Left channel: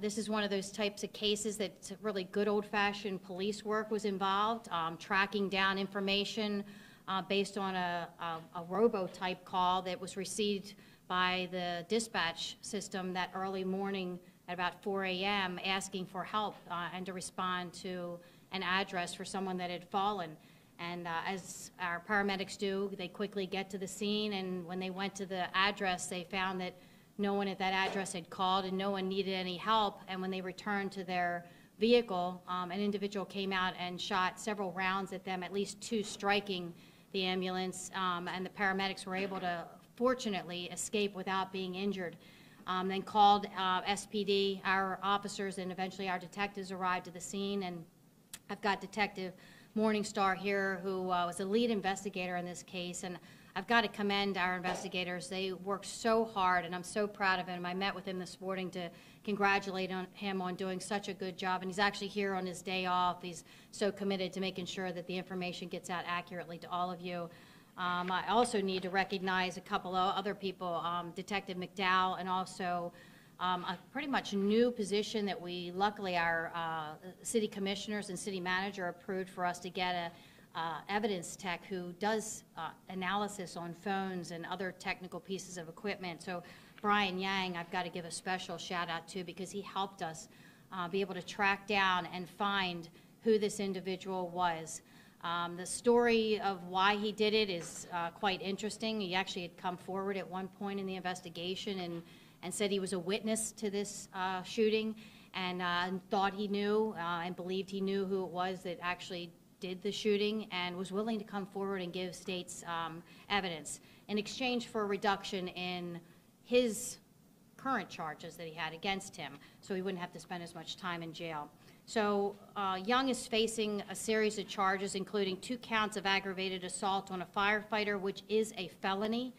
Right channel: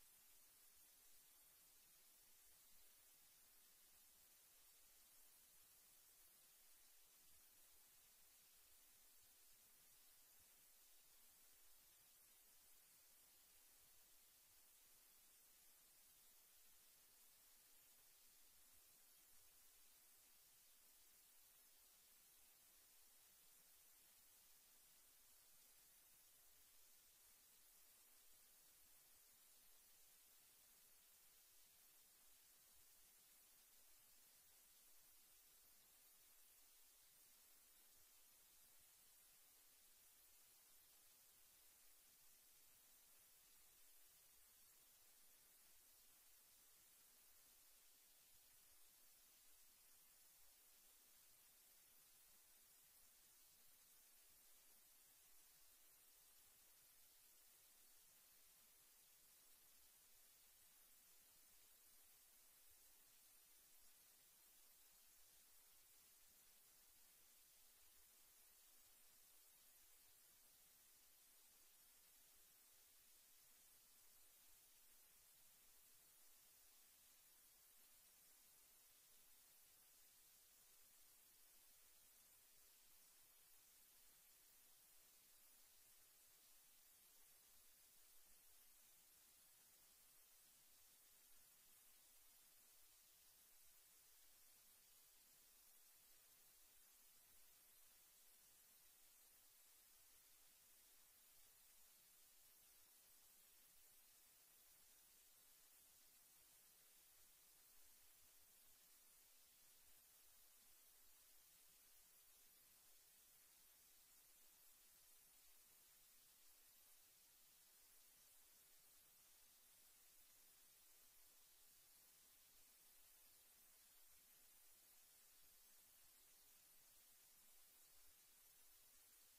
This is one of those types of cases that really good old-fashioned police work was involved, tracking down information based on a robo-type call that was received by the dispatch system that early morning at about 4 a.m. asking for help and to respond to an address for someone that had fallen. And as our paramedics do, they quickly get to the scene, and when they went to the address, they found that no one at that address had called and no one needed any help. And when they returned to their vehicle, an individual came out and shot several rounds at them, at least 2 striking the ambulance, and the paramedics were able to fortunately escape without being injured. Then called SPD, our officers, and eventually our detectives arrived at the scene. And I've got Detective Morningstar here, who was a lead investigator in this case, and I've got to commend our investigators. They worked so hard, and I'm so proud of him. I met with him this morning to congratulate him on doing such a good job, and he's actually here on his day off. He's so committed to making sure that the information gets out accurately to all of you. I also need to recognize a couple of other people, Detective McDowell, and also a pretty much new position that we, luckily, our city commissioners and city manager approved for us to get a evidence tech who does analysis on phones and other technical pieces of equipment. So Brian Yang, I've got to give a special shout out to, because he helped us be able to track down and find who this individual was. The story of why he did it is quite interesting. He actually had come forward at one point in the investigation and said he was a witness to this shooting, and thought he knew and believed he knew who it was that actually did the shooting, and was willing to come forward and give state's evidence in exchange for a reduction in his current charges that he had against him, so he wouldn't have to spend as much time in jail. So Young is facing a series of charges, including 2 counts of aggravated assault on a firefighter, which is a felony,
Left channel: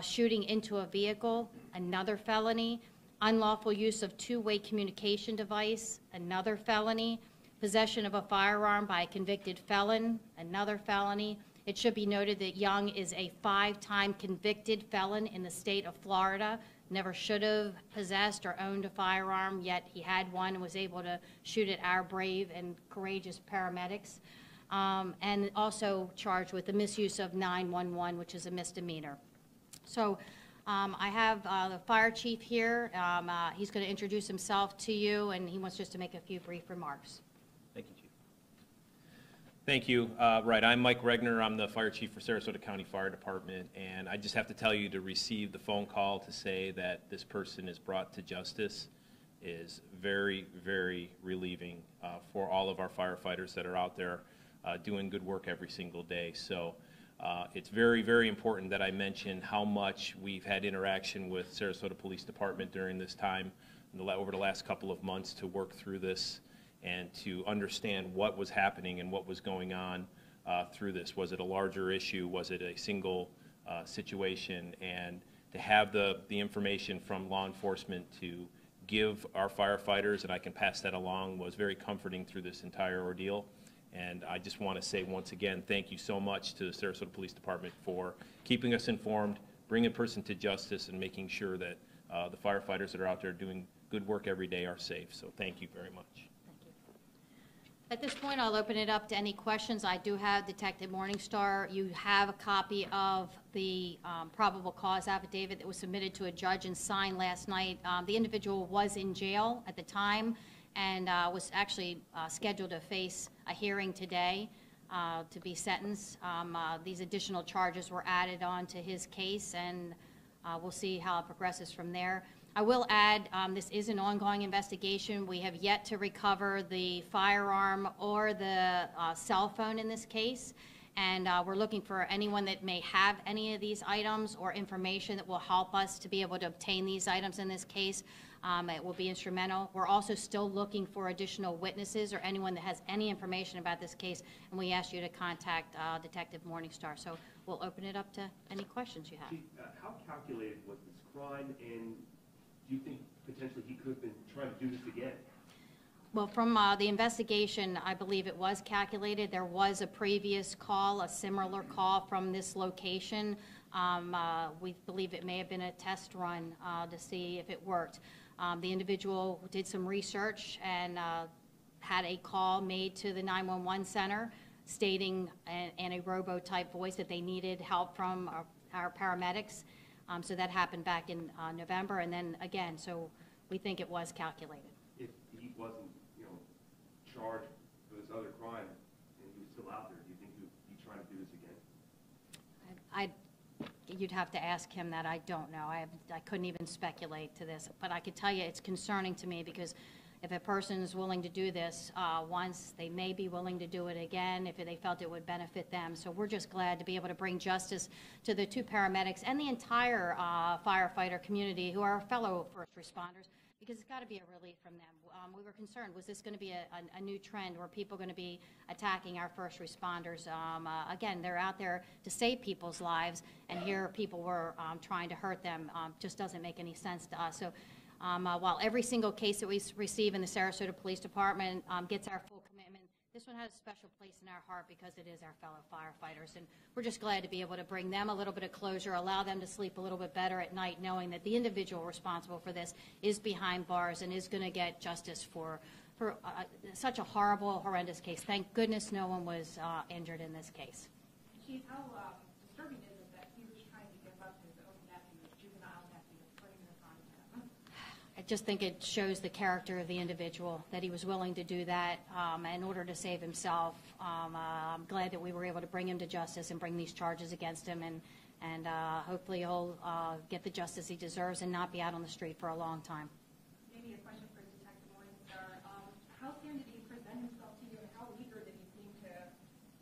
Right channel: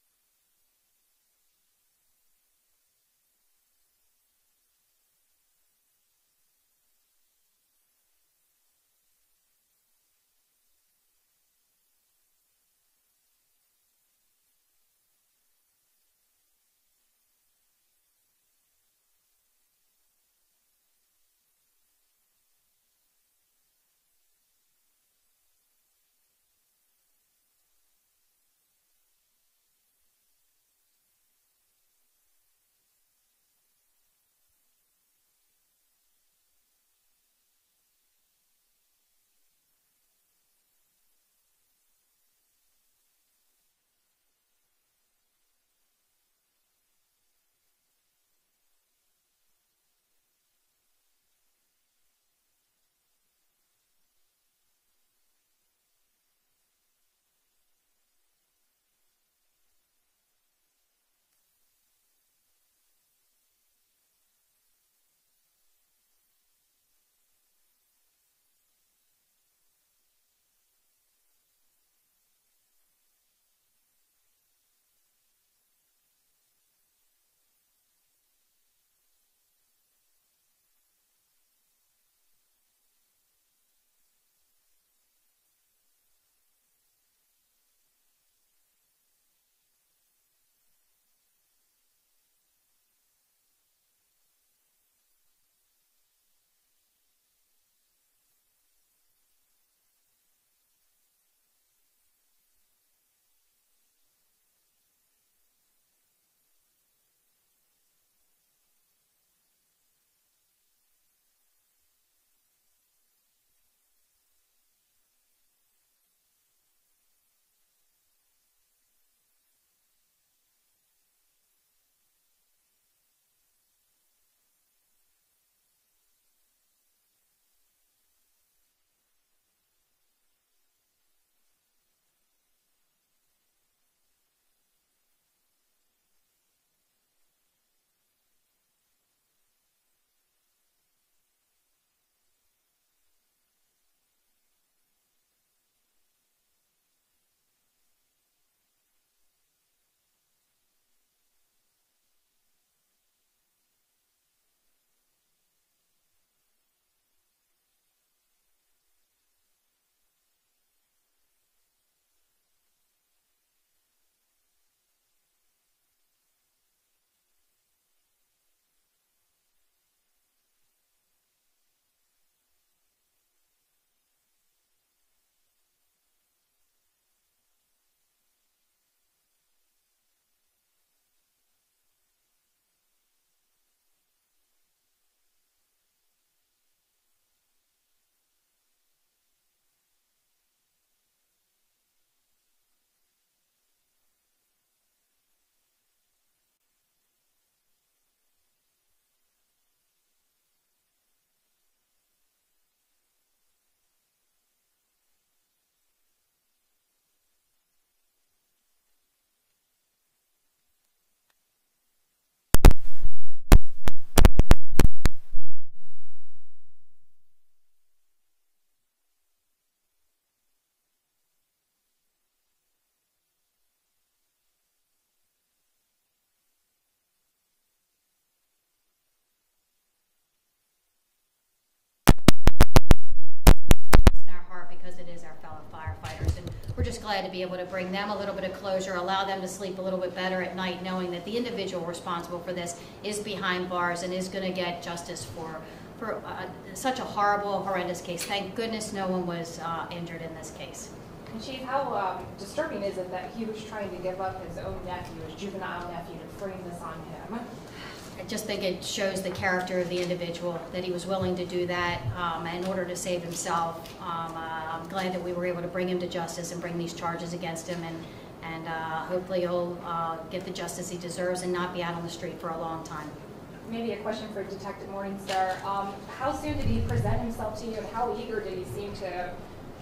shooting into a vehicle, another felony, unlawful use of two-way communication device, another felony, possession of a firearm by a convicted felon, another felony. It should be noted that Young is a 5-time convicted felon in the state of Florida, never should have possessed or owned a firearm, yet he had one and was able to shoot at our brave and courageous paramedics, and also charged with the misuse of 911, which is a misdemeanor. So I have the fire chief here. He's going to introduce himself to you, and he wants just to make a few brief remarks. Thank you, Chief. Thank you. Right, I'm Mike Regner. I'm the fire chief for Sarasota County Fire Department, and I just have to tell you, to receive the phone call to say that this person is brought to justice is very, very relieving for all of our firefighters that are out there doing good work every single day. So it's very, very important that I mention how much we've had interaction with Sarasota Police Department during this time, over the last couple of months, to work through this and to understand what was happening and what was going on through this. Was it a larger issue? Was it a single situation? And to have the information from law enforcement to give our firefighters, and I can pass that along, was very comforting through this entire ordeal. And I just want to say once again, thank you so much to the Sarasota Police Department for keeping us informed, bringing a person to justice, and making sure that the firefighters that are out there doing good work every day are safe. So thank you very much. At this point, I'll open it up to any questions. I do have Detective Morningstar. You have a copy of the probable cause affidavit that was submitted to a judge and signed last night. The individual was in jail at the time and was actually scheduled to face a hearing today to be sentenced. These additional charges were added on to his case, and we'll see how it progresses from there. I will add, this is an ongoing investigation. We have yet to recover the firearm or the cell phone in this case, and we're looking for anyone that may have any of these items or information that will help us to be able to obtain these items in this case. It will be instrumental. We're also still looking for additional witnesses or anyone that has any information about this case, and we ask you to contact Detective Morningstar. So we'll open it up to any questions you have. Chief, how calculated was this crime, and do you think potentially he could have been trying to do this again? Well, from the investigation, I believe it was calculated. There was a previous call, a similar call from this location. We believe it may have been a test run to see if it worked. The individual did some research and had a call made to the 911 center stating in a robo-type voice that they needed help from our paramedics. So that happened back in November, and then again, so we think it was calculated. If he wasn't, charged for this other crime and he was still out there, do you think he'd be trying to do this again? You'd have to ask him that. I don't know. I couldn't even speculate to this, but I could tell you it's concerning to me because if a person is willing to do this once, they may be willing to do it again if they felt it would benefit them. So we're just glad to be able to bring justice to the 2 paramedics and the entire firefighter community who are fellow first responders, because it's got to be a relief from them. We were concerned, was this going to be a new trend where people are going to be attacking our first responders? Again, they're out there to save people's lives, and here people were trying to hurt them. Just doesn't make any sense to us. So. While every single case that we receive in the Sarasota Police Department gets our full commitment, this one has a special place in our heart because it is our fellow firefighters. And we're just glad to be able to bring them a little bit of closure, allow them to sleep a little bit better at night, knowing that the individual responsible for this is behind bars and is going to get justice for such a horrible, horrendous case. Thank goodness no one was injured in this case. And Chief, how disturbing is it that he was trying to give up his own nephew, his juvenile nephew, to bring this on him? I just think it shows the character of the individual, that he was willing to do that in order to save himself. I'm glad that we were able to bring him to justice and bring these charges against him, and hopefully he'll get the justice he deserves and not be out on the street for a long time. Maybe a question for Detective Morningstar. How soon did he present himself to you, and how eager did he seem to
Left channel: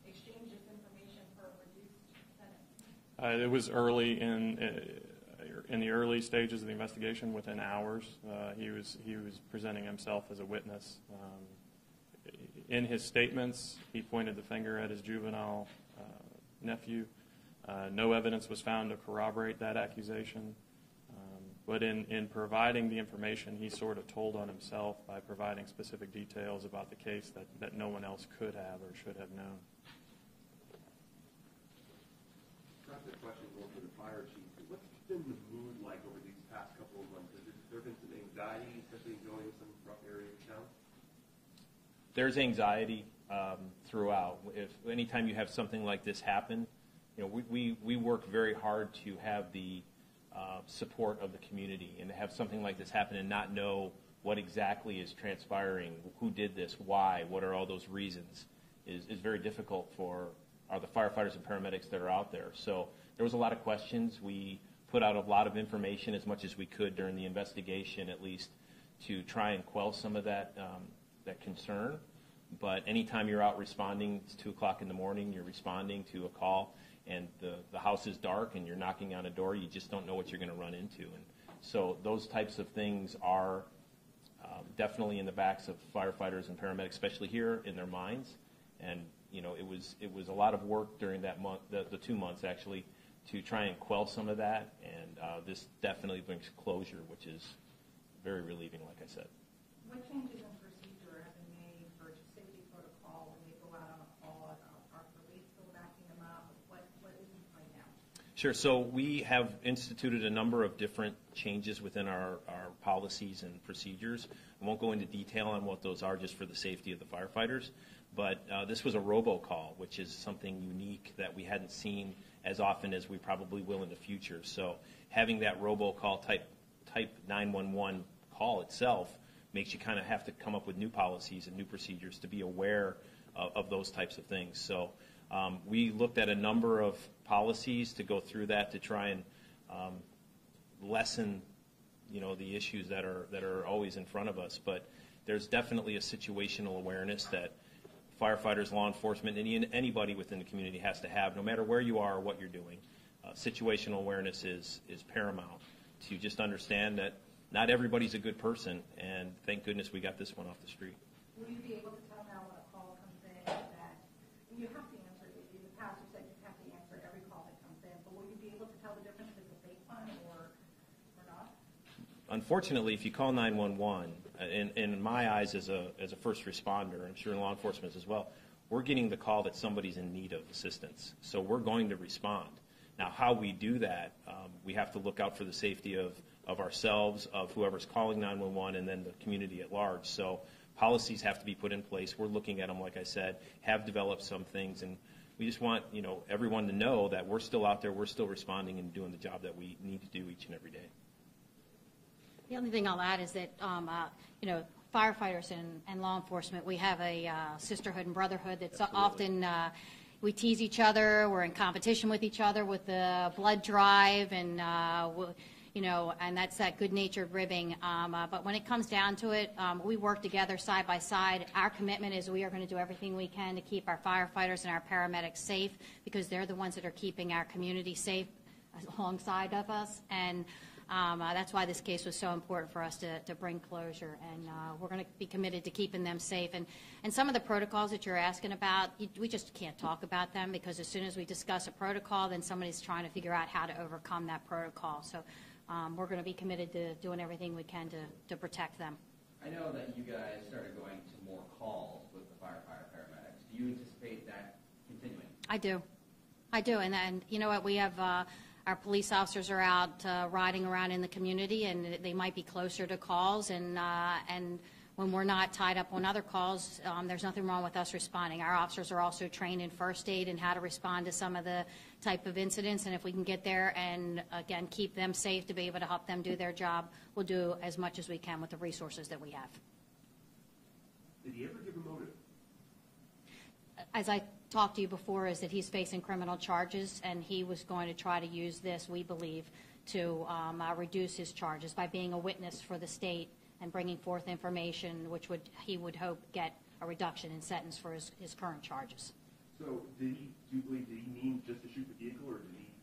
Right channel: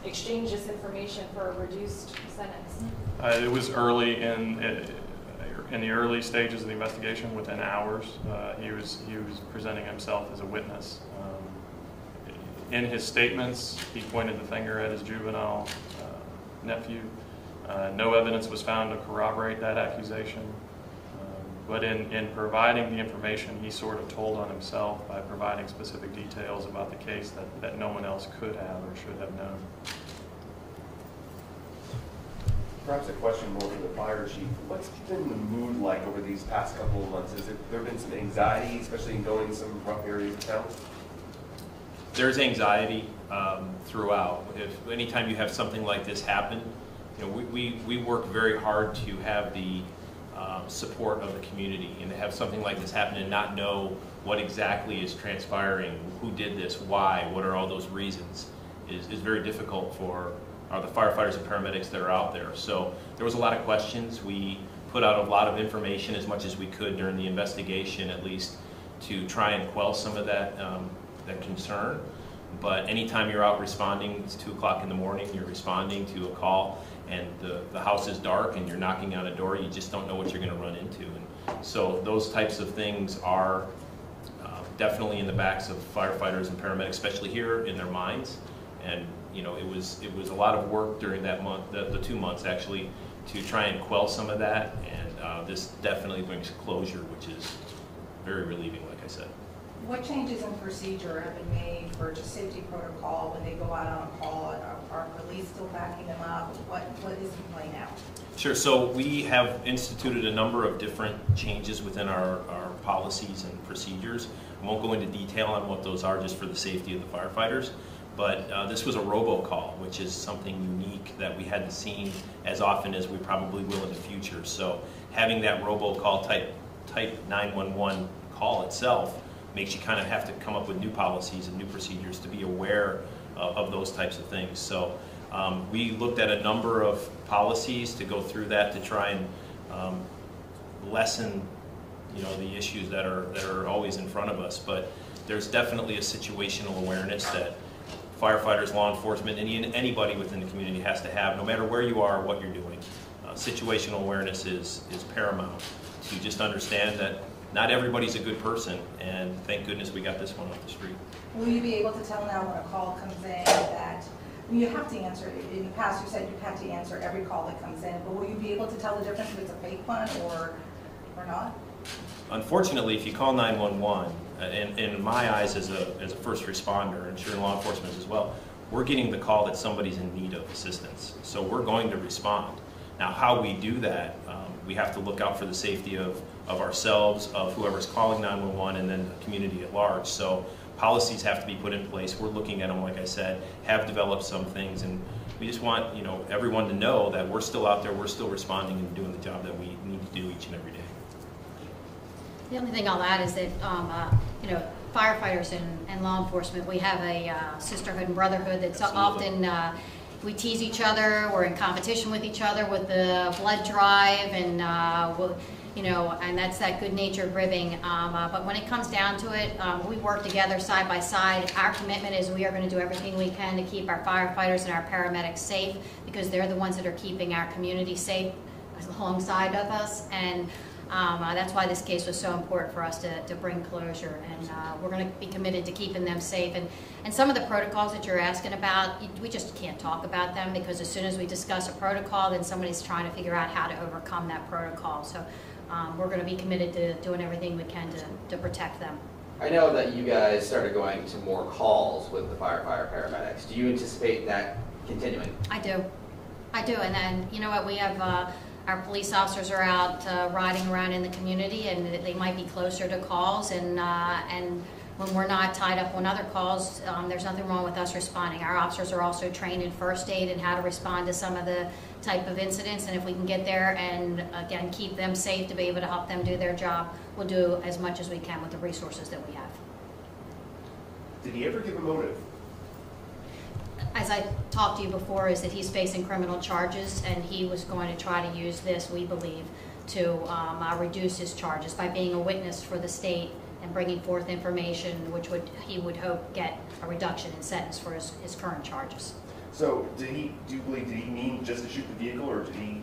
exchange this information for a reduced sentence? It was early in the early stages of the investigation. Within hours, he was presenting himself as a witness. In his statements, he pointed the finger at his juvenile nephew. No evidence was found to corroborate that accusation. But in providing the information, he sort of told on himself by providing specific details about the case that no one else could have or should have known. Perhaps a question more for the fire chief. What's been the mood like over these past couple of months? Has there been some anxiety, especially in going some rough areas of town? There's anxiety throughout. Anytime you have something like this happen, we work very hard to have the support of the community, and to have something like this happen and not know what exactly is transpiring, who did this, why, what are all those reasons, is very difficult for the firefighters and paramedics that are out there. So there was a lot of questions. We put out a lot of information as much as we could during the investigation, at least, to try and quell some of that concern. But anytime you're out responding, it's 2 o'clock in the morning, you're responding to a call, and the house is dark and you're knocking on a door, you just don't know what you're going to run into. And so those types of things are definitely in the backs of firefighters and paramedics, especially here, in their minds. And it was a lot of work during that month, the 2 months actually, to try and quell some of that. And this definitely brings closure, which is very relieving, like I said. What changes in procedure have been made for just safety protocol when they go out on a call? Are police still backing them up? What is the play now? Sure. So we have instituted a number of different changes within our policies and procedures. I won't go into detail on what those are just for the safety of the firefighters. But this was a robocall, which is something unique that we hadn't seen as often as we probably will in the future. So having that robocall type 911 call itself makes you kind of have to come up with new policies and new procedures to be aware of those types of things. So we looked at a number of policies to go through that to try and lessen, the issues that are always in front of us. But there's definitely a situational awareness that firefighters, law enforcement, anybody within the community has to have, no matter where you are or what you're doing. Situational awareness is paramount to just understand that not everybody's a good person, and thank goodness we got this one off the street. Will you be able to tell now when a call comes in that you have to answer? In the past, you said you had to answer every call that comes in, but will you be able to tell the difference if it's a fake one or not? Unfortunately, if you call 911, in my eyes as a first responder, and sure law enforcement as well, we're getting the call that somebody's in need of assistance. So we're going to respond. Now, how we do that, we have to look out for the safety of of ourselves, of whoever's calling 911, and then the community at large. So policies have to be put in place. We're looking at them, like I said, have developed some things, and we just want, you know, everyone to know that we're still out there, we're still responding and doing the job that we need to do each and every day. The only thing I'll add is that, you know, firefighters and law enforcement, we have a sisterhood and brotherhood that's Absolutely. often, we tease each other, we're in competition with each other with the blood drive, and, you know, and that's that good-natured ribbing. But when it comes down to it, we work together side by side. Our commitment is we are going to do everything we can to keep our firefighters and our paramedics safe, because they're the ones that are keeping our community safe alongside of us. And that's why this case was so important for us to bring closure, and we're going to be committed to keeping them safe. And some of the protocols that you're asking about, we just can't talk about them, because as soon as we discuss a protocol, then somebody's trying to figure out how to overcome that protocol. So we're going to be committed to doing everything we can to protect them. I know that you guys started going to more calls with the firefighter paramedics. Do you anticipate that continuing? I do, and then, you know what, we have our police officers are out riding around in the community, and they might be closer to calls, and when we're not tied up on other calls, there's nothing wrong with us responding. Our officers are also trained in first aid and how to respond to some of the type of incidents, and if we can get there and, again, keep them safe to be able to help them do their job, we'll do as much as we can with the resources that we have. Did he ever give a motive? As I talked to you before, is that he's facing criminal charges, and he was going to try to use this, we believe, to reduce his charges by being a witness for the state and bringing forth information which he would hope get a reduction in sentence for his current charges. So do you believe, did he mean just to shoot the vehicle, or did he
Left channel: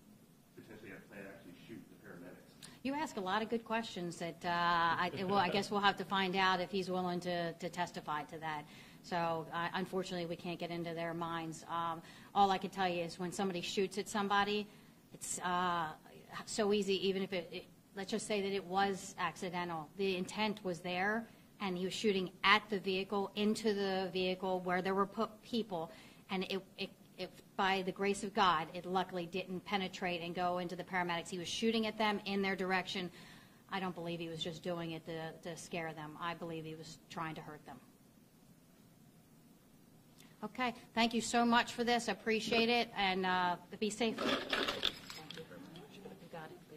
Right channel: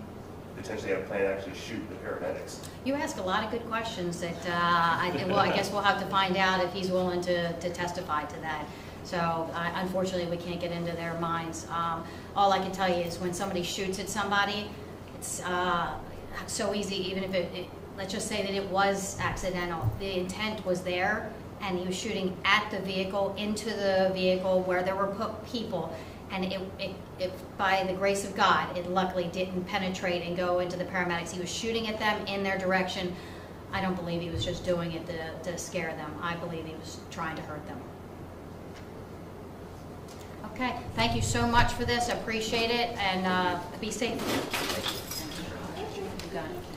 potentially have a plan to actually shoot the paramedics? You ask a lot of good questions that, I guess we'll have to find out if he's willing to testify to that. So unfortunately, we can't get into their minds. All I can tell you is when somebody shoots at somebody, it's so easy, even if let's just say that it was accidental. The intent was there, and he was shooting at the vehicle, into the vehicle where there were people, and it by the grace of God, it luckily didn't penetrate and go into the paramedics. He was shooting at them in their direction. I don't believe he was just doing it to scare them. I believe he was trying to hurt them. Okay, thank you so much for this. I appreciate it, and be safe. You got it.